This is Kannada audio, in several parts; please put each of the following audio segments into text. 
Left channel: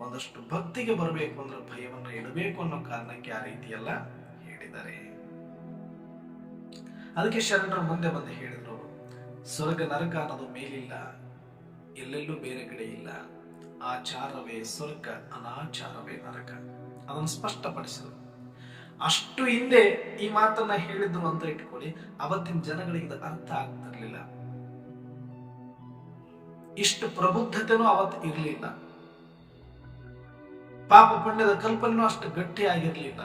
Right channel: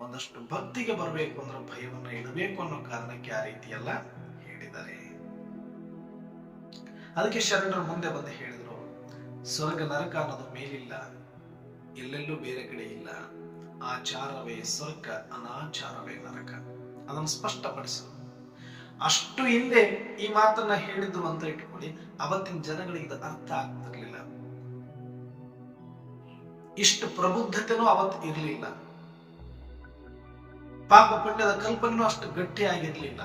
ಒಂದಷ್ಟು ಭಕ್ತಿಗೆ ಬರಬೇಕು ಅಂದ್ರೆ ಭಯವನ್ನು ಇಡಬೇಕು ಅನ್ನೋ ಕಾರಣಕ್ಕೆ ಆ ರೀತಿ ಎಲ್ಲ ಹೇಳಿದ್ದಾರೆ. ಅದಕ್ಕೆ ಶರಣರು ಮುಂದೆ ಬಂದು ಹೇಳಿದ್ರು, ಸ್ವರ್ಗ ನರಕ ಅನ್ನೋದು ಮೇಲಿಲ್ಲ, ಎಲ್ಲೆಲ್ಲೂ ಬೇರೆ ಕಡೆ ಇಲ್ಲ. ಆಚಾರವೇ ಸ್ವರ್ಗ, ಅನಾಚಾರವೇ ನರಕ. ಅದನ್ನು ಸ್ಪಷ್ಟಪಡಿಸಿದರು. ಅಷ್ಟು ಹಿಂದೆ ಈ ಮಾತನ್ನ ಹೇಳಿದ್ರು ಅಂತ ಇಟ್ಕೊಳ್ಳಿ, ಅವತ್ತಿನ ಜನಗಳಿಗೆ ಇದು ಅರ್ಥ ಆಗ್ತಿರ್ಲಿಲ್ಲ. ಇಷ್ಟು ಪ್ರಬುದ್ಧತೆನೂ ಅವತ್ತು ಇರಲಿಲ್ಲ. ಪಾಪ ಪುಣ್ಯದ ಕಲ್ಪನೆನೂ ಅಷ್ಟು ಗಟ್ಟಿಯಾಗಿರ್ಲಿಲ್ಲ.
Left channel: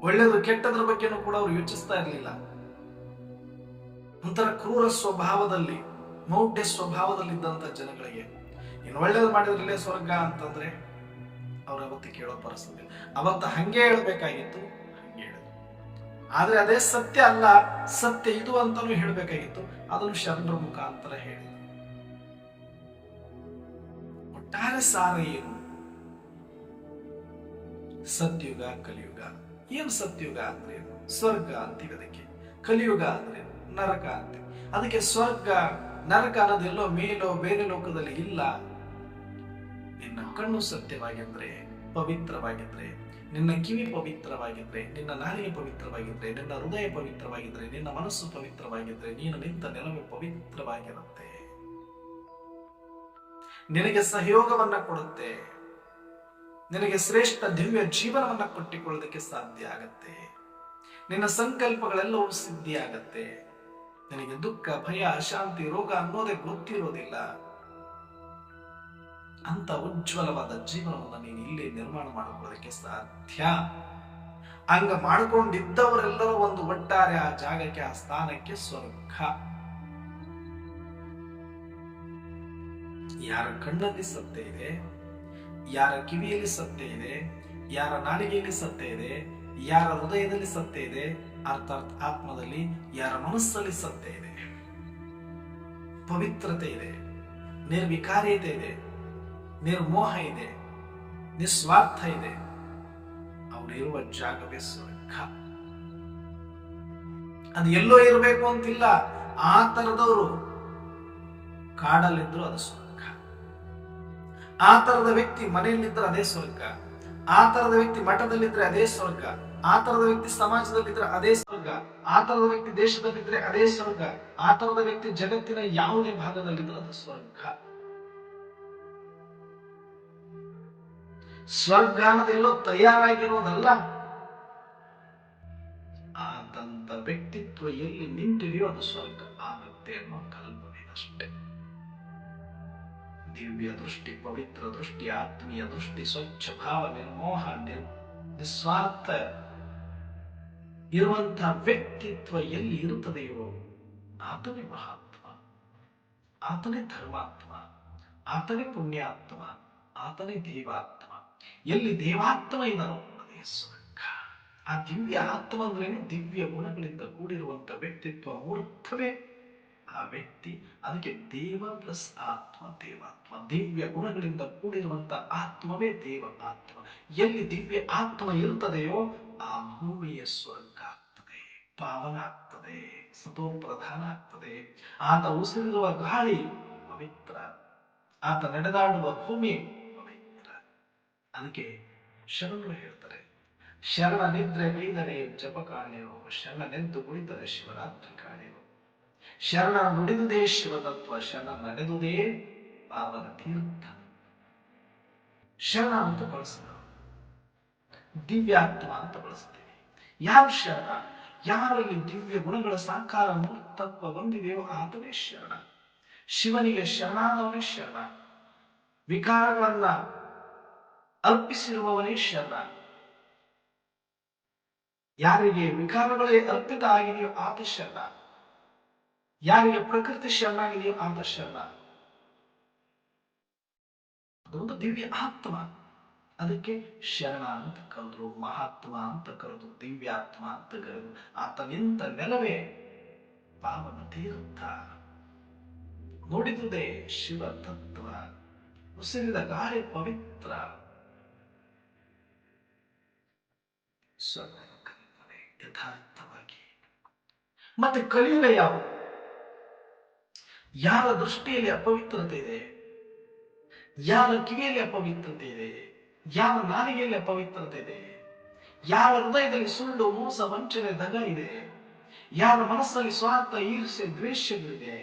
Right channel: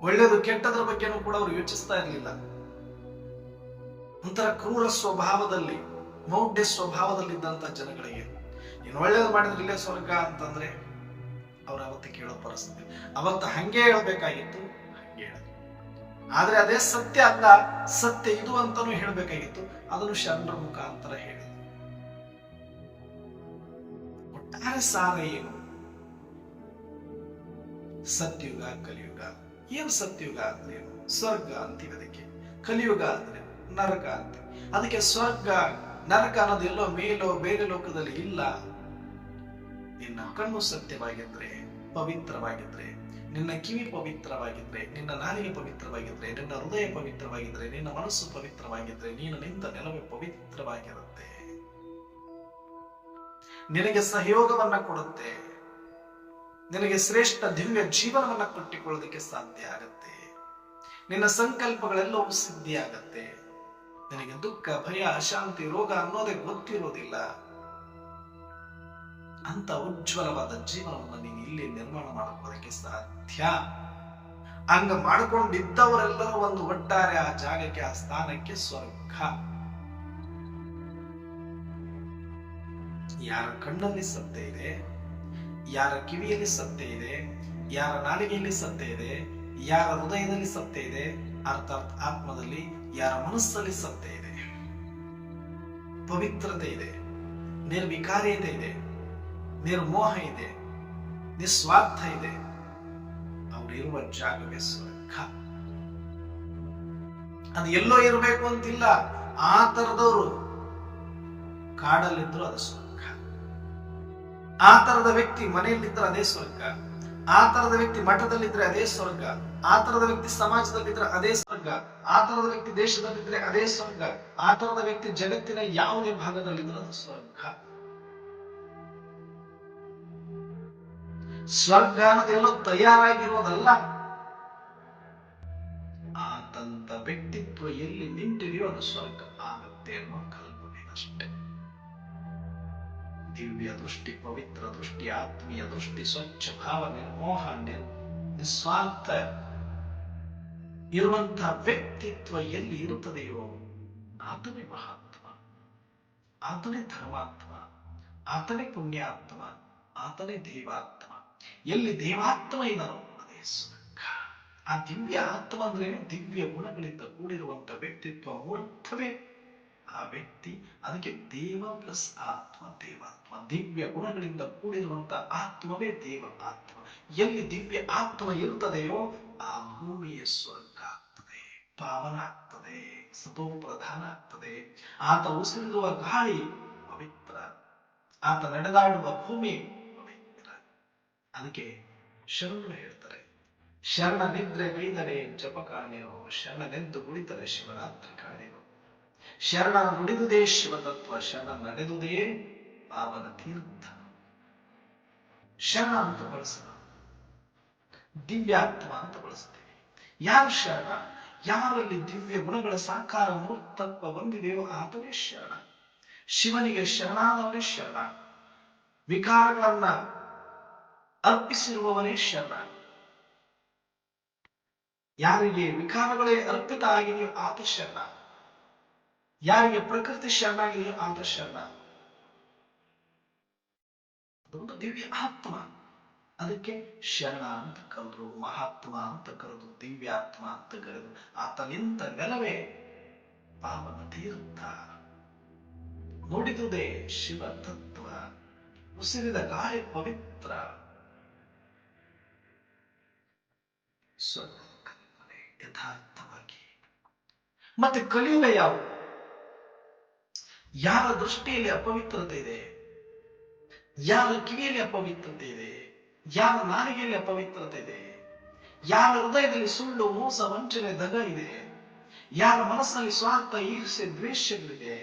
ಒಳ್ಳೆಯದು ಕೆಟ್ಟದ್ರ ಬಗ್ಗೆನೂ ಕೂಡ ಅವರು ಯೋಚಿಸ್ತಾ ಇರಲಿಲ್ಲ. ಒಂಥರ ಕ್ರೂರ ಸ್ವಭಾವದಲ್ಲಿ, ಮೌಢ್ಯ ಸ್ವಭಾವದಲ್ಲಿದ್ದಂತ ಜನಗಳಿಗೆ ಇನ್ನು ಒಳ್ಳೇದು ಮಾಡಿದ್ರೆ ಇಲ್ಲೇ ಸ್ವರ್ಗ ಅಂತಂದ್ರೆ ಅವ್ರ ಅವತ್ತು ಕೇಳೋ ಪರಿಸ್ಥಿತಿ. ಅವತ್ತು ಹಂಗೆ ಹೇಳ್ಬೇಕಾಗಿತ್ತು, ಹಂಗೆ ಹೇಳಿದ್ರು. ಆದ್ರೆ ಅದೇ ಸತ್ಯ ಅಲ್ಲ, ಸತ್ಯ ಇದು ಅಂತಾನು ಹೇಳ್ಬೇಕಾಗಿತ್ತು. ಅದನ್ನು ಶರಣರ ಮುಖಾಂತರ ಹೇಳಿದ್ರು. ಒಟ್ಟಾರೆ ಸಾರ ಏನು? ಸತ್ಯುಗ, ಕಲಿಯುಗ. ಏನು ಸತ್ಯುಗ ಅಂದ್ರೆ ಏನು? ಸ್ವರ್ಗ ಅಂತೀವಿ ಅದಕ್ಕೆ. ಕಲಿಯುಗ ಅಂದ್ರೆ ನರಕ ಅಂತೀವಿ. ಅದಕ್ಕೆ ಸ್ವರ್ಗ ನರಕ ಅನ್ನೋದು ಎಲ್ಲೋ ಮೇಲೋ ಬೇರೆ ಲೋಕದಲ್ಲಿ ಇಲ್ಲ. ನಿನ್ನ ಕಣ್ಣು ಸತ್ಯವಾಗಿದ್ರೆ, ಪವಿತ್ರವಾಗಿದ್ರೆ, ನಿನ್ನ ಕಿವಿ ಪವಿತ್ರವಾಗಿದ್ರೆ, ನಿನ್ನ ನಾಲಿಗೆ ಪವಿತ್ರವಾಗಿದ್ರೆ, ನಿನ್ನ ಹೃದಯ ಪವಿತ್ರವಾಗಿದ್ರೆ, ನಿನ್ನ ಮನಸ್ಸು ಪವಿತ್ರವಾಗಿದ್ರೆ, ನೀನು ನಿಂತ ನೆಲವೇ ಪವಿತ್ರವಾಗಿರುತ್ತೆ. ನಿನಗೆ ಸಹಯೋಗವನ್ನ ಕೊಡುತ್ತೆ. ನಿನಗೆ ಶ್ರೇಷ್ಠ ದಿವ್ಯ ಜೀವನವನ್ನ ಕಟ್ಟಿಕೊಳ್ಳೋದಕ್ಕೆ ಸಾಧ್ಯ ಆಗತ್ತೆ. ನಿನ್ನ ಸಂಕಲ್ಪಗಳೆಲ್ಲವೂ ಸಿದ್ಧಿ ಆಗತ್ತೆ. ನಿನಗೆ ದುಃಖ, ಭಯ, ಅಶಾಂತಿ, ರೋಗ ಅನ್ನೋದೇ ಗೊತ್ತಿರೋದಿಲ್ಲ. ಅಂತ ಉಜ್ವಲವಾದ ಜೀವನವನ್ನು ನೀನು ಇಲ್ಲಿ ನಿರ್ಮಾಣ ಮಾಡಿಕೊಳ್ಳೋದಕ್ಕೆ ಸಾಧ್ಯ. ಹಂಗ ಮಾಡಿಕೊಂಡಿದ್ದವರೆಲ್ಲರೂ ಒಂದು ಒಟ್ಟಾರೆ ಆ ಜಾಗಕ್ಕೆ, ಆ ಸ್ಥಾನಕ್ಕೆ ಸ್ವರ್ಗ. ಯಾರ ಕಣ್ಣಲ್ಲಿ ಸತ್ಯ ಇದೆ, ಯಾರ ಕಿವಿಯಲ್ಲಿ ಸತ್ಯ ಇದೆ, ಯಾರ ನಾಲಿಗೆಯಲ್ಲಿ ಸತ್ಯ ಇದೆ, ಯಾರ ಹೃದಯದಲ್ಲಿ ಸತ್ಯ ಇದೆ, ಅರ್ಥಾತ್ ಆತ್ಮದಲ್ಲಿ, ಯಾರ ಮನಸ್ಸಲ್ಲಿ ಸತ್ಯ ಇದೆ, ಪವಿತ್ರತೆ ಇದೆ, ನಿರ್ವಿಕಾರ್ಯತೆ ಇದೆ, ನಿರ್ಮೋಹ ಇದೆ, ನಿಸ್ವಾರ್ಥ ಇದೆ, ಅವರಿರುವ ಜಾಗವೇ ಸ್ವರ್ಗ. ಅದು ಎಲ್ಲೋ ಇರಬೇಕು ಅಂತಿಲ್ಲ. ಆ ತರದವರು ಕಾಡಲ್ಲಿದ್ರು ಅದು ಸ್ವರ್ಗ. ಆ ತರದ ವ್ಯಕ್ತಿ ಮನೆಯಲ್ಲಿದ್ರೆ ಅದೇ ಸ್ವರ್ಗ. ಆ ತರದ ವ್ಯಕ್ತಿ ಮಠದಲ್ಲಿದ್ರೆ ಅದೇ ಸ್ವರ್ಗ. ಆ ತರದ ವ್ಯಕ್ತಿ ಸಮಾಜದಲ್ಲಿದ್ರೆ ಅದೇ ಸ್ವರ್ಗ. ಆ ತರದ ವ್ಯಕ್ತಿ ದೇಶದಲ್ಲಿದ್ರೆ ಅದೇ ಸ್ವರ್ಗ. ಆ ತರದ ವ್ಯಕ್ತಿ ಜಗತ್ತಿನ ಯಾವುದೇ ಭಾಗದಲ್ಲಿದ್ರೆ ಅದು ಸ್ವರ್ಗ. ಸ್ವರ್ಗ ಅನ್ನೋದೆಲ್ಲೋ ತಯಾರಾಗಿರೋದಲ್ಲ. ಆತಂತ ವ್ಯಕ್ತಿತ್ವ ಎಲ್ಲಿ ನಿಂತಿದೆಯೋ ಅದು ಸ್ವರ್ಗ ಆಗುತ್ತೆ ಅನ್ನೋ ಕಲ್ಪನೆ ಅಷ್ಟೇ. ದಿವ್ಯ ದೃಷ್ಟಿ, ಪವಿತ್ರ ದೃಷ್ಟಿ, ಆತ್ಮೀಯ ದೃಷ್ಟಿ, ಸ್ವಚ್ಛ ಭಾವ, ನಿರ್ಮೋಹ, ನಿಸ್ವಾರ್ಥ ಇರುವಂತಹ ವ್ಯಕ್ತಿತ್ವ ಎಲ್ಲಿ ಇರುತ್ತದೆಯೋ ಆತನೇ ಮಹಾತ್ಮ, ಆತನೇ ಧರ್ಮಾತ್ಮ, ಆತನೇ ಪುಣ್ಯಾತ್ಮ, ಆತನೇ ದೇವಾತ್ಮ. ಎಲ್ಲಿ ದೇವಾತ್ಮ ಇದ್ದಾನೋ ಅದೇ ಸ್ವರ್ಗ. ಆ ದಿವ್ಯ ಆತ್ಮ ಅಂದ್ರೇನು? ದಿವ್ಯ ಗುಣಗಳಿಂದ ಕೂಡಿರುವಂತ ವ್ಯಕ್ತಿತ್ವ, ಮೂರ್ತವೇ ಆ ವ್ಯಕ್ತಿ. ಅದಕ್ಕೆ ದೇವ ಪ್ಲಸ್ ಆತ್ಮ, ದೇವಾತ್ಮ. ದಿವ್ಯ ಗುಣಗಳಿಂದ ಕೂಡಿರುವಂತ ಆತ್ಮವೇ ದೇವ ಆತ್ಮ. ಎಲ್ಲಿ ದಿವ್ಯ ಆತ್ಮ ಇರುತ್ತದೆಯೋ ಆ ಭೂಮಿಯ ಸ್ವರ್ಗ ಆಗ್ತದೆ, ಪಾವನ ಆಗ್ತದೆ, ಸತೋ ಪ್ರಧಾನ ಆಗ್ತದೆ. ಆತ ಉಸಿರಿರುವ ಗಾಳಿ ಪವಿತ್ರ, ಆತ ನಡೆದಾಡುವ ಭೂಮಿ ಪವಿತ್ರ. ಅದಕ್ಕೆ ಶರಣರು ಹೇಳ್ತಾರೆ, ಶರಣ ನಿದ್ರೆ ಬೈದರೆ ಜಪ ಕಾಣೆಯೋ, ಶರಣ ನೆದ್ದು ಕುಳಿತರೆ ಶಿವರಾತ್ರಿ ಕಾಣೆಯೋ. ಶರಣ ನುಡಿದುದೇ ಶಿವತತ್ವ, ಶರಣ ನಡೆದುದೇ ಪಾವನ ತೀರ್ಥ. ಶರಣ ಅಂತ ಬಳಸಲ್ಲ, ದಿವ್ಯಾತ್ಮ ಅಂತ ಬಳಸ್ತೀವಿ. ಯಾವ ಶರಣ? ಯಾರಲ್ಲಿ ದಿವ್ಯ ಗುಣಗಳ ಸಾಕಾರ ಮೂರ್ತತ್ವ ಬಂದಿದೆಯೋ ಆತನೇ ಶರಣ. ಶಿವನಿಗೆ ಶರಣಾದವನೇ ಶರಣ. ವಿಕಾರಗಳನ್ನ ಅರ್ಪಿಸಿರುವವನೇ ಶರಣ. ಯಾರಿಗೆ ವಿಕಾರಗಳೇ ಅರ್ಪಿತ ಆಗಿದೆಯೋ ಆತ ಶರಣ. ಯಾರಿಗೆ ಪ್ರಕೃತಿ ಶರಣಾಗಿದೆಯೋ ಆತ ಶರಣ. ಅದೊಂದು ದಿವ್ಯ ಆತ್ಮ. ಅದಕ್ಕೆ ಶರಣ ಅಂತ ಕರೆದ್ರು, ಮಹಾತ್ಮ ಅಂತ ಕರೆದು, ದಿವ್ಯಾತ್ಮ ಅಂತ ಕರೆದು. ಆತ ನಿಂತ ನೆಲವೇ ಪಾವನ ತೀರ್ಥ. ನುಡಿದುದೇ ಶಿವ ತತ್ವ, ಉಸಿರಿದ ಗಾಳಿ ಪವಿತ್ರ. ಕಲ್ಪನೆ ಯಥಾರ್ಥವಾಗಿ. ಮತ್ತೆ ಕಲಿಯುಗ ಯಾವುದು? ಯಾರ ದೃಷ್ಟಿಯಲ್ಲಿ ಅಪವಿತ್ರತೆ ಇದೆ, ಯಾರ ಕಿವಿಯಲ್ಲಿ ಅಪವಿತ್ರತೆ ಇದೆ, ಯಾರ ನಾಲಿಗೆಯಲ್ಲಿ ಅಪವಿತ್ರತೆ ಇದೆ, ಯಾರ ಹೃದಯದಲ್ಲಿ ಸುಳ್ಳು, ಮೋಸ, ವಂಚನೆ, ದಗ ಇದೆ, ಯಾರ ಮನಸ್ಸಿನಲ್ಲಿ ಸ್ವಾರ್ಥ, ಈರ್ಷೆ, ದ್ವೇಷಗಳಿದೆ,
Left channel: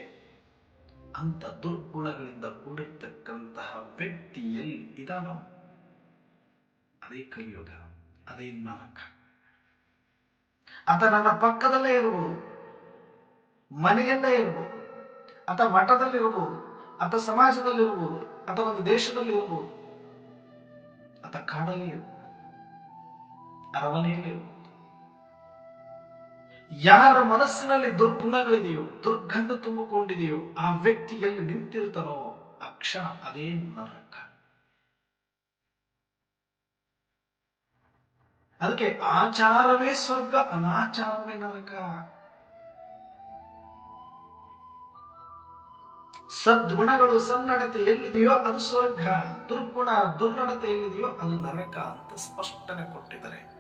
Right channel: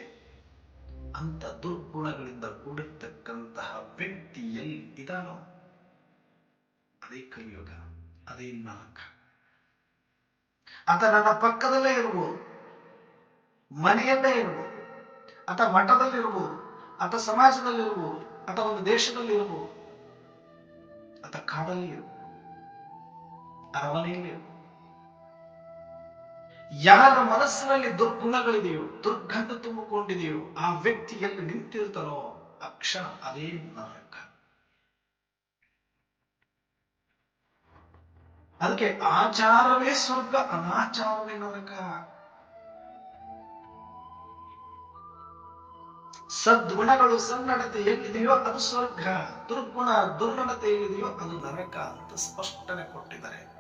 ಅಂತ ದುರ್ಗುಣಗಳಿಂದ ಕೂಡಿರ್ತಕ್ಕಂತಹ ವ್ಯಕ್ತಿ ಎಲ್ಲಿ ಇದಾನೋ ಅದೇ ಕಲಿಯುಗ, ಅದೇ ನರಕ. ಆತ ನನ್ನ ಪಕ್ಕದಲ್ಲೇ ಇರಬಹುದು, ಮನೆಯಲ್ಲೇ ಇರಬಹುದು, ಅಥವಾ ಮಠದಲ್ಲಿ ಇರಬಹುದು, ಅಥವಾ ಸಮಾಜದಲ್ಲಿ ಇರಬಹುದು, ಅಥವಾ ಒಂದು ದೇಶದಲ್ಲಿ ಇರಬಹುದು, ಅಥವಾ ಕಾಡಲ್ಲಿ ಇರಬಹುದು, ಅರಮನೆಯಲ್ಲಿ ಇರಬಹುದು. ಯಾರ ಮನಸ್ಸಿನಲ್ಲಿ ದುರ್ಗುಣಗಳಿದೆಯೋ, ದುರ್ಗಂಧ ತುಂಬಿಕೊಂಡಿದೆಯೋ, ಆ ವ್ಯಕ್ತಿ ಎಲ್ಲಿ ನಿಂತಿರ್ತಾನೋ ಆ ಕ್ಷಣ ಅದೇ ನರಕ. ಅದಕ್ಕೆ ಆಚಾರವೇ ಸ್ವರ್ಗ, ಅನಾಚಾರವೇ ನರಕ. ಸದ್ಗುಣಗಳು, ಸನ್ನಡತೆ ಎಲ್ಲಿದೆಯೋ ಅದು ಸ್ವರ್ಗ, ದುರ್ಗುಣ, ದುರ್ನಡತೆ ಎಲ್ಲಿದೆಯೋ ಅದು ನರಕ ಅಂತ ಸ್ಪಷ್ಟನೆ ಕೊಟ್ಟಿದ್ದಾರೆ.